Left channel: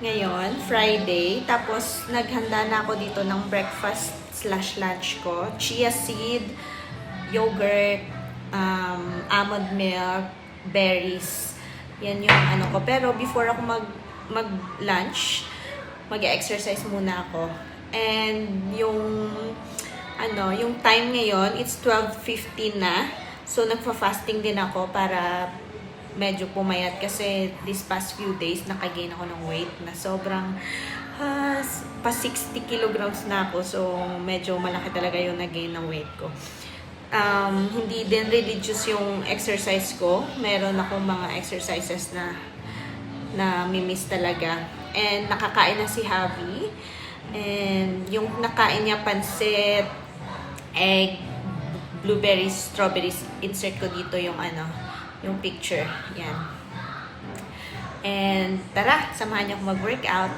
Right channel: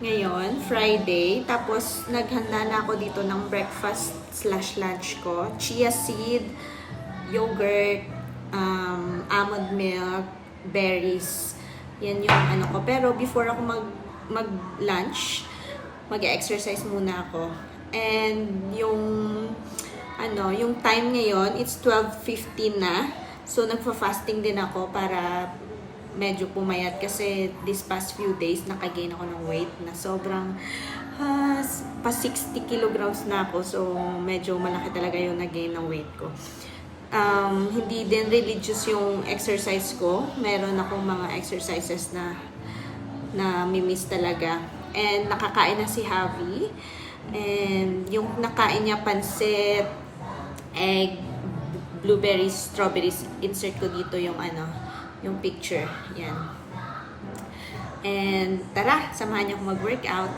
ngayon, Friday. Tapos, naghanda na ako dito ng breakfast/lunch ko. Chia seed, yogurt, almond milk, berries. Yan yung ano ko. Pero, before ako mag-lunch, mag-exercise muna ako. And, yung time ngayon, it's 12:15 na. So, nagfa-fasting din ako para medyo pumayat kasi this past few days nakagain ako ng weight na sobrang pa 60 kilograms na ako. So, medyo malaki talaga yung nagain ng weight ko. Hindi din religious yung exercise ko. Meron akong mga exercises na mimiss talaga. And nakakain na si Javi. And yung nakain niya pansit, egg, blueberries, strawberries. Insert ko dito yung yung picture. Yan. And tara, samahan niyo ako mag-workout.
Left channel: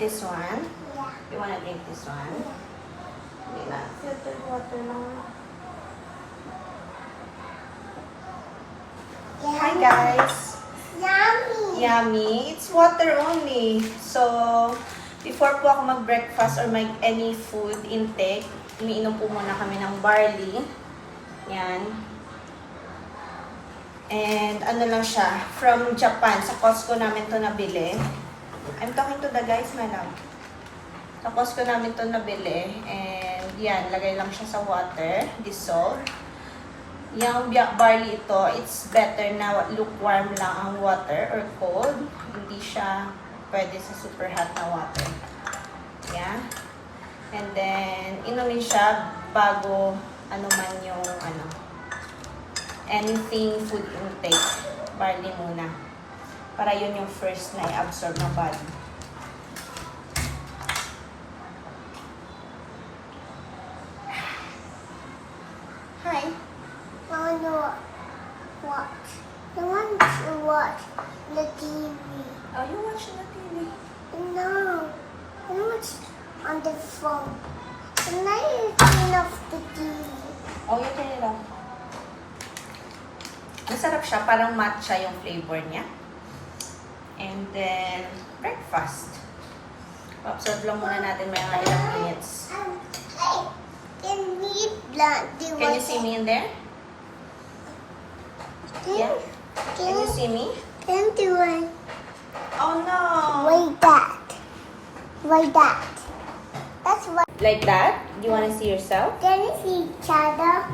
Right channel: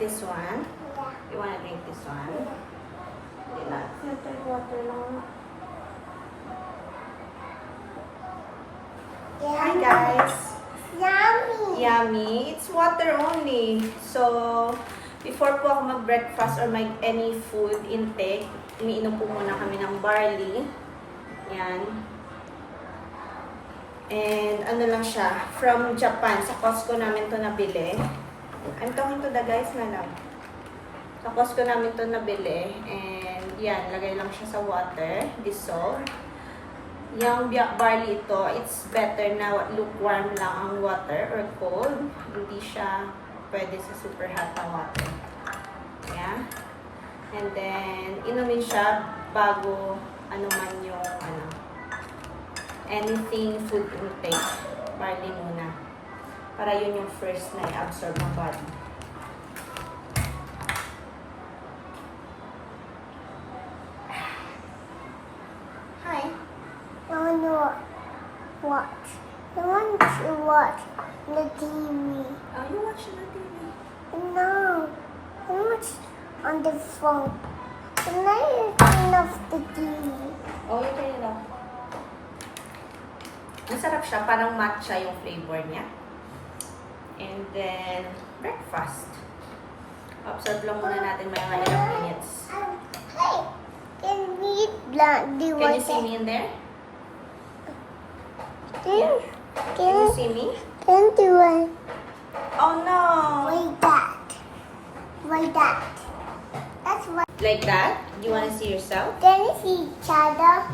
This one. You wanna drink this one? Hindi na. Filter water lang. Hi guys! Yummy! Yummy! It's water only. So, before po ako mag-breakfast or any food intake, umiinom po muna kami ng barley. Yan. And ano lang siya, from Japan. Sa Costco namin to nabili. I'm talking to the guys, my love. Sa Costco namin to nabili. And yan, lagay lang siya sa water. Dissolve. Yung barley ito, it's better na lukewarm lang ang water or cold. Hindi siya pwede sa super hot na water. Yan. And then, inumin siya bago man yung anything food intake. Barley muna. Para yun yung first na i-absorb ng body. Hi. I want to watch. I want to watch the TV. Oh, you watch the TV? No. I watch on the phone. And then you turn off the TV. Oh, you turn it off. Masarap siya. Parang matcha yung flavor niya. And then, breakfast. Observe lang muna natin may mga ilang minutes. Can you see me in there? Yeah? Can you see me? Can do it. Oh no! Like that. Like that. That's what. Like that? Do you want to see yourself? Can you see each other?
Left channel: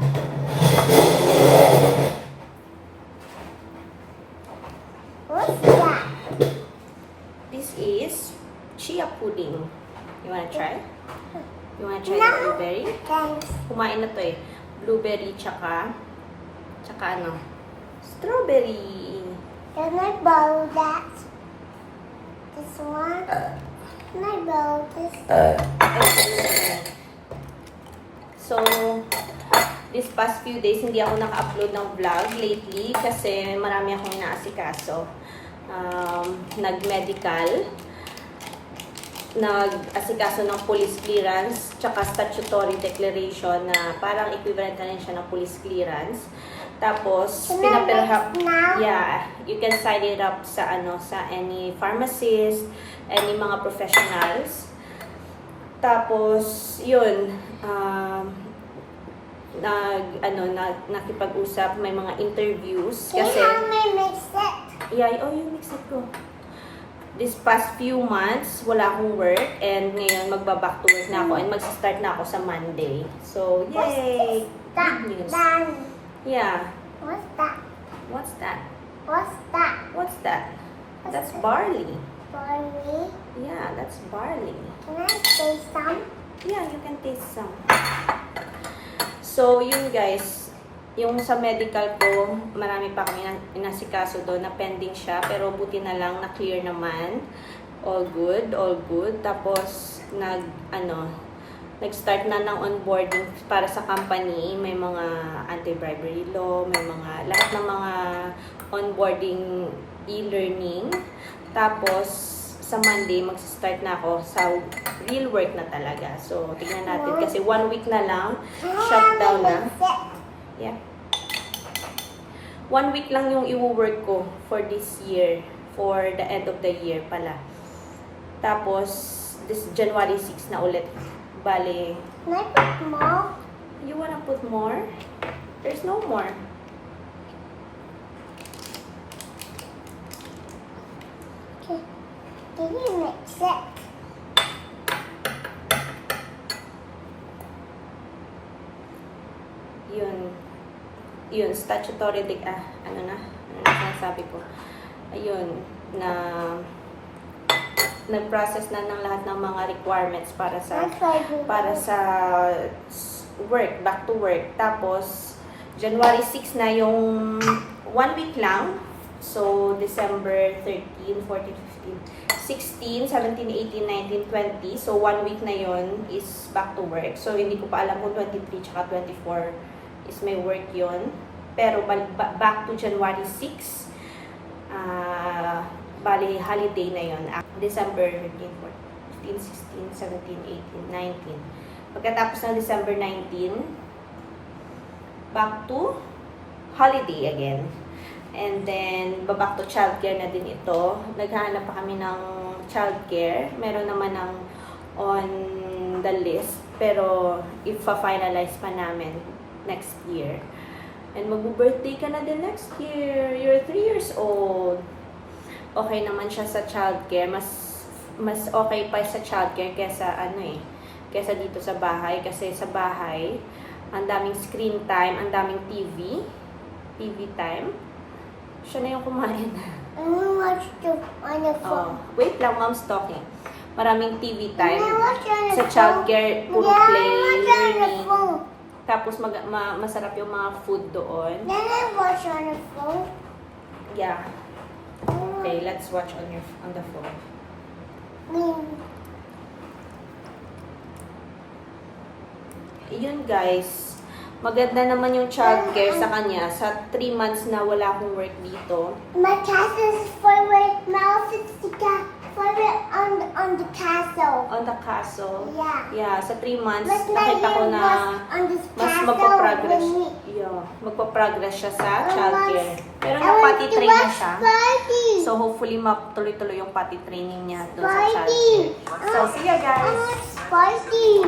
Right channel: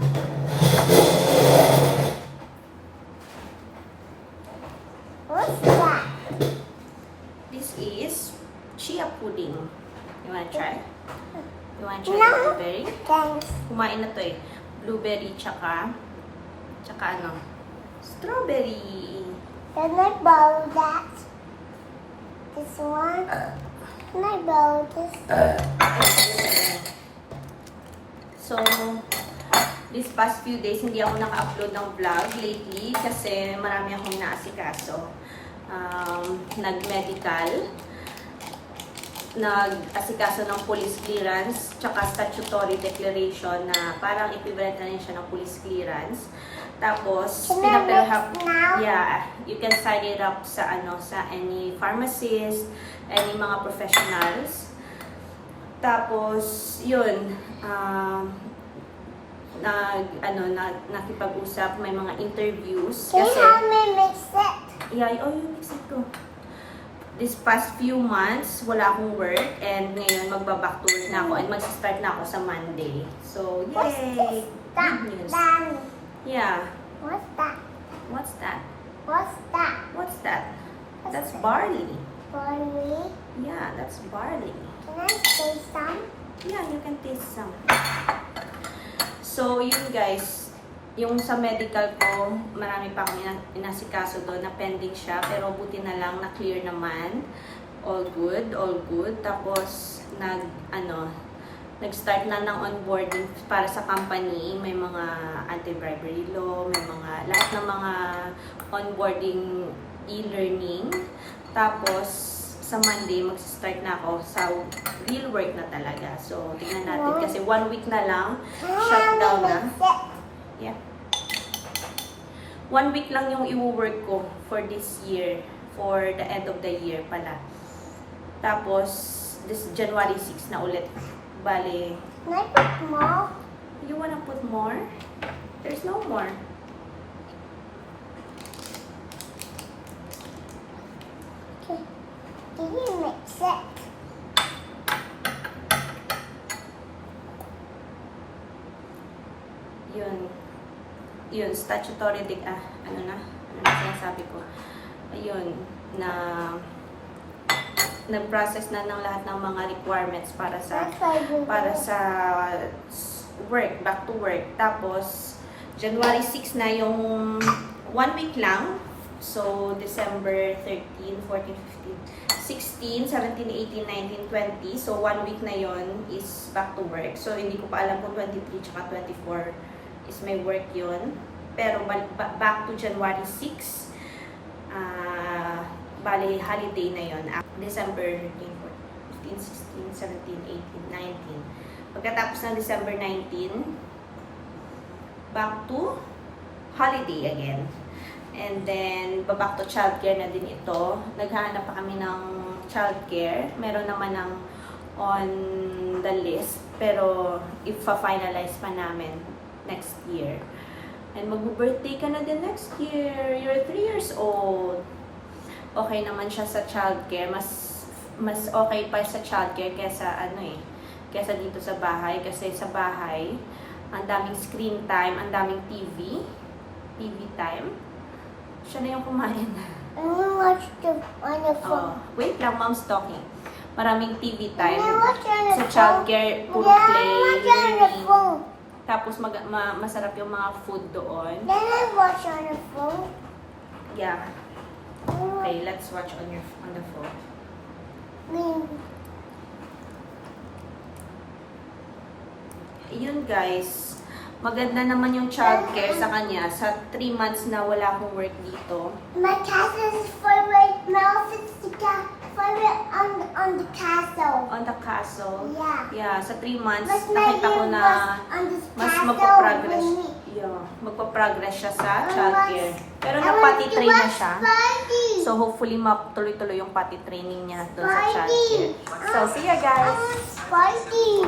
What's that? This is chia pudding. You wanna try? You wanna try No. the blueberry? Thanks. Kumain na to eh. Blueberry tsaka strawberry. Can I borrow that? This one? Can I borrow this? So, this past few days, hindi ako naka-upload ng vlog lately kasi marami akong inaasikaso. Nag-medical, nag-asikaso ng police clearance, tsaka statutory declaration na parang equivalent na rin siya ng police clearance. Tapos, Can I mix now? yeah, you can sign it up sa sa any pharmacist, any mga professionals. Tapos, yun, nakipag-usap, may mga interviews. Can you help me mix it? Yeah, you mix it ko. This past few months, wala akong work and ngayon magba-back to work na ako and mag-start na ako sa Monday. So, yay! That. Good news. That. Yeah. What's that? What's that? What's that? What's that? That's barley. Barley. Yeah, that's barley. Can I say some? Yeah, you can taste some. So, yun guys. Yung sa medical ko, marami pa kami inasikaso doon na pending siya. Pero buti na lang, na-clear naman. All good, all good. Tapos, nag-start na ng onboarding para sa company. May mga anti-bribery law, may mga, lahat ng mga onboarding e-learning. Tapos, sa Monday, mag-start na ako sa real work na talaga. So, tingnan natin kasi 1 week na lang, shutdown na. Yeah. 1 week lang yung i-work ko for this year, for the end of the year pala. Tapos, this January 6 na ulit. Bale, Can I put more? you wanna put more? There's no more. Okay. Can you mix it? Yun, statutory ano na sinasabi ko. Ayun, na nag-process na ng lahat ng mga requirements para sa work, back to work. Tapos, January 6 na yung 1 week lang. So, December 13, 14, 15, 16, 17, 18, 19, 20. So, 1 week na yon is back to work. So, hindi ko pa alam kung 23 tsaka 24 is may work yon. Pero, back to January 6, bali, holiday na yon. December 13, 14, 15, 16, 17, 18, 19. Pagkatapos ng December 19, back to holiday again. And then, back to childcare na din ito. Naghahanap pa kami ng childcare. Meron naman ng on the list. Pero, ipa-finalize pa namin next year. And mag-birthday ka na din next year. You're 3 years old. Okay naman siya sa childcare. Mas okay pa sa childcare kesa kesa dito sa bahay. Kasi sa bahay, ang daming screen time, ang daming TV time. Siya na yung kumain. I want to watch on the phone. Wait lang, mom's talking. Maraming TV time. I watch on the Sa phone. childcare, puro Yeah, play, I watch on the learning. phone. Tapos masarap yung mga food doon. Then I watch on the phone. Yeah. Okay, let's watch on the phone. Yun guys, maganda naman yung childcare sa kanya. Sa 3 months na wala akong work dito. My castle's favorite. My outfit's the favorite on the castle. On the castle. Yeah. Yeah, sa 3 months, But my nakita ko name na was on this mas castle magpa-progress. with me. Yeah, magpa-progress siya sa I childcare. was- Pero I na-potty want to train na watch siya. Spidey. So hopefully matuloy-tuloy yung potty training niya doon sa Spidey. childcare. So see ya I guys! want Spidey.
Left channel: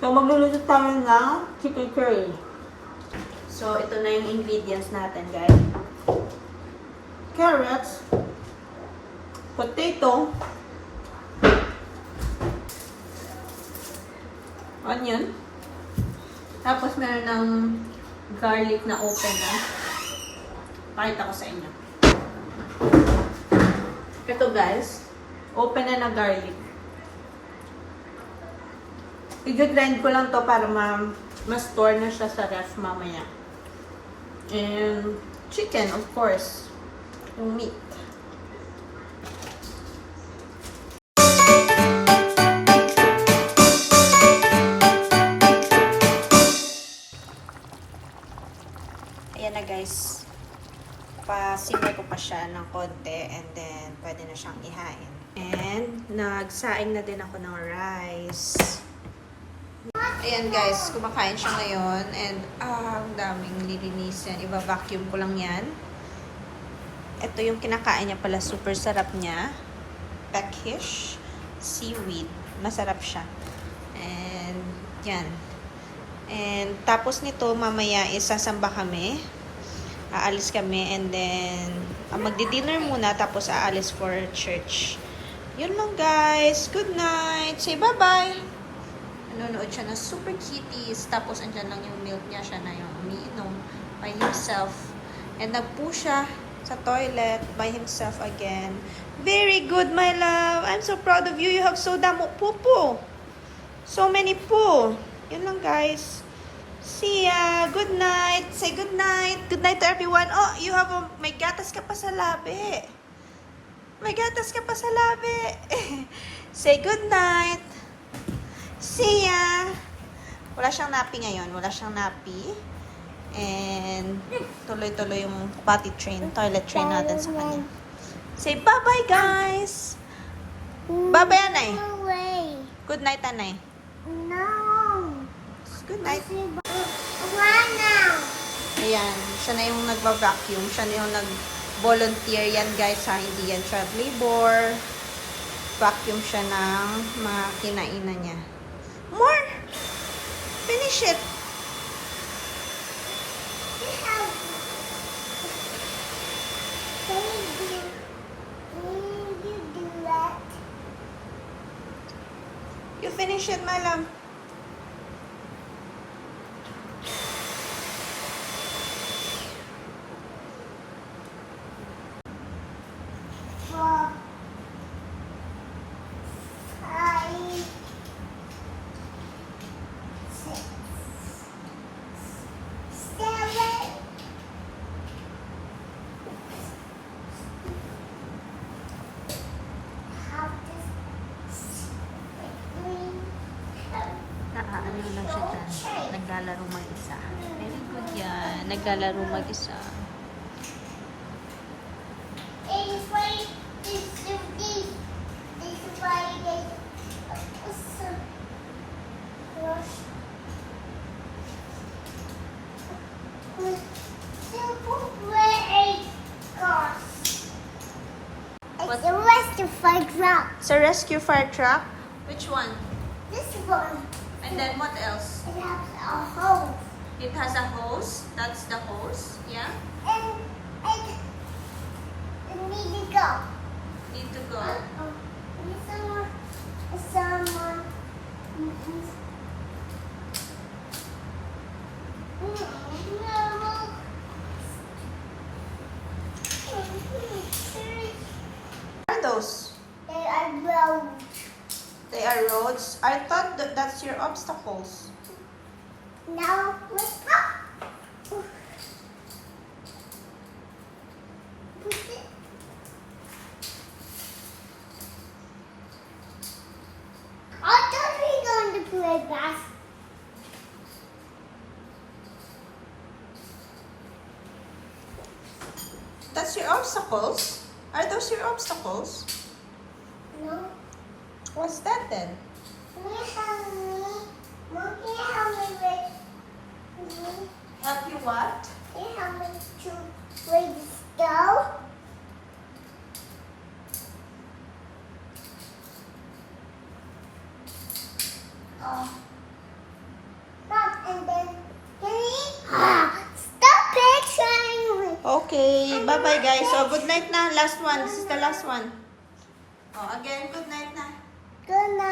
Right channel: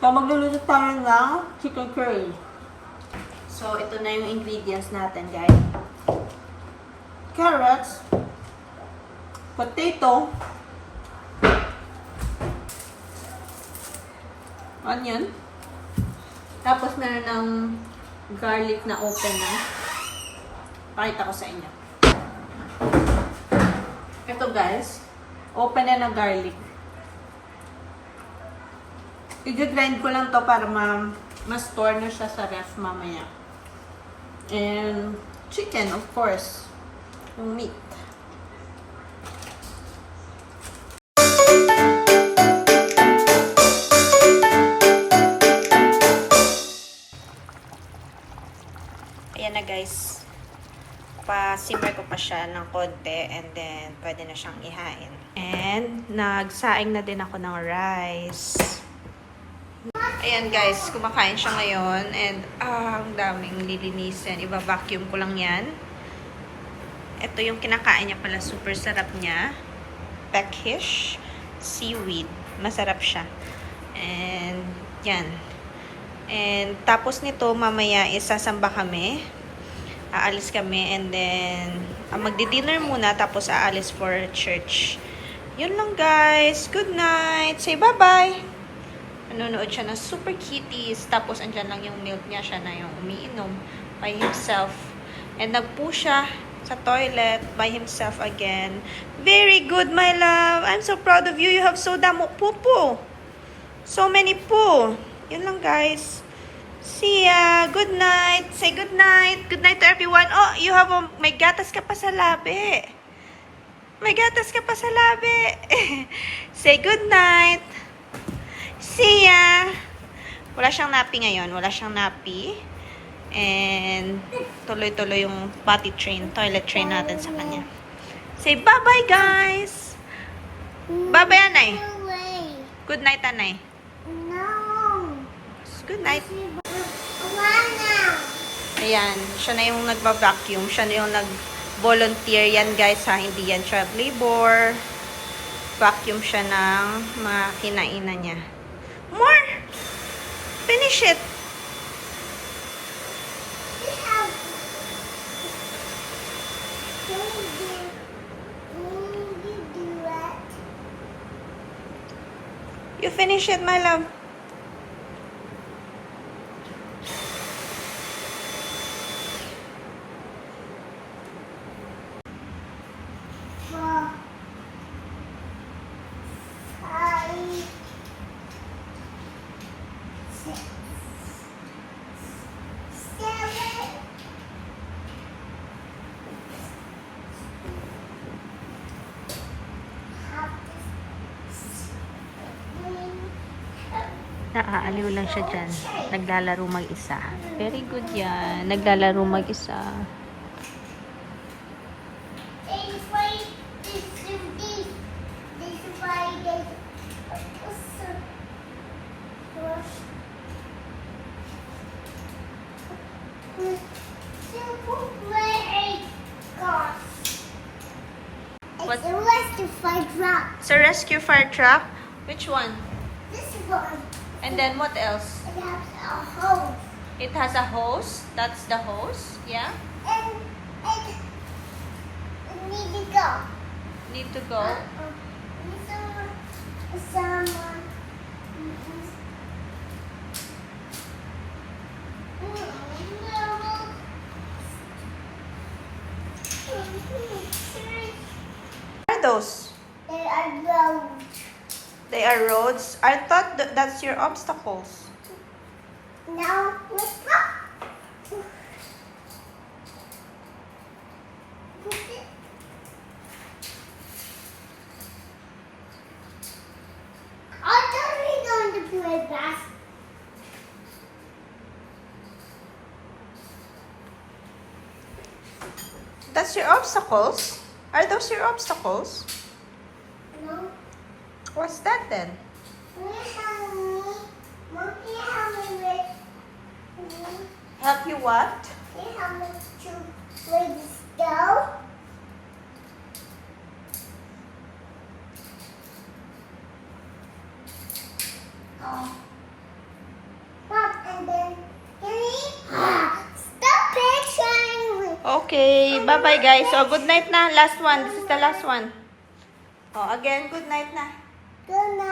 So, magluluto tayo ng chicken curry. So, ito na yung ingredients natin, guys. Carrots, potato, onion, tapos meron ng garlic na open na. Pakita ko sa inyo. Ito guys, open na ng garlic. I-grind ko lang to para ma-store na siya sa ref mamaya. And chicken, of course. Yung meat. Ayan na guys. Pa-simmer ko pa siya ng konti and then pwede na siyang ihain. And nagsaing na din ako ng rice. Ayan guys, kumakain siya ngayon and ang daming lilinisin. Iba-vacuum ko lang yan. Ito yung kinakain niya pala, super sarap niya. Peckish seaweed. Masarap siya. And yan. And tapos nito, mamaya isasamba kami. Aalis kami and then magdi-dinner muna tapos aalis for church. Yun lang guys. Good night. Say bye-bye. Nanonood siya ng Super Kitties. Tapos andyan lang yung milk niya. Siya na yung umiinom by himself. And nagpoo siya sa toilet by himself again. Very good, my love. I'm so proud of you. You have so damo poo. So many poo. Yun lang guys. See ya. Good night. Say good night. Good night to everyone. Oh, you have may gatas ka pa sa labi. May gatas ka pa sa labi. Say good night. See ya. Wala siyang nappy ngayon. Wala siyang nappy. And tuloy-tuloy yung potty train, toilet train natin sa kanya. Say bye-bye, guys. Bye-bye, Anay. No way. Good night, Anay. No. Good night. Why now? Ayan, siya na yung nagba-vacuum. Siya na yung nag-volunteer. Yan guys ha, hindi yan child labor. Vacuum siya ng mga kinainan niya. More! Finish it! Can you do that? You finish it, my love. Four, five, six, seven, half Naaaliw lang siya dyan. Naglalaro mag-isa. Very good yan. Naglalaro mag-isa. It's a rescue fire truck. It's a rescue fire truck. Which one? This one. And then what else? It has a hose. It has a hose. That's the hose. Yeah. And it need to go. Need to go. What are those? They are roads. They are roads. I thought that's your obstacles. Now let's go. I thought we were going to play basketball. That's your obstacles? Are those your obstacles? No. What's that then? Can you help me? Mom, can you help me with me? Help you what? Can you help me to raise the stove? Oh. Mom, and then can you stop picturing me? Okay. Bye-bye guys. So, good night na. Last one. This is the last one. Oh, again, good night na. Good night.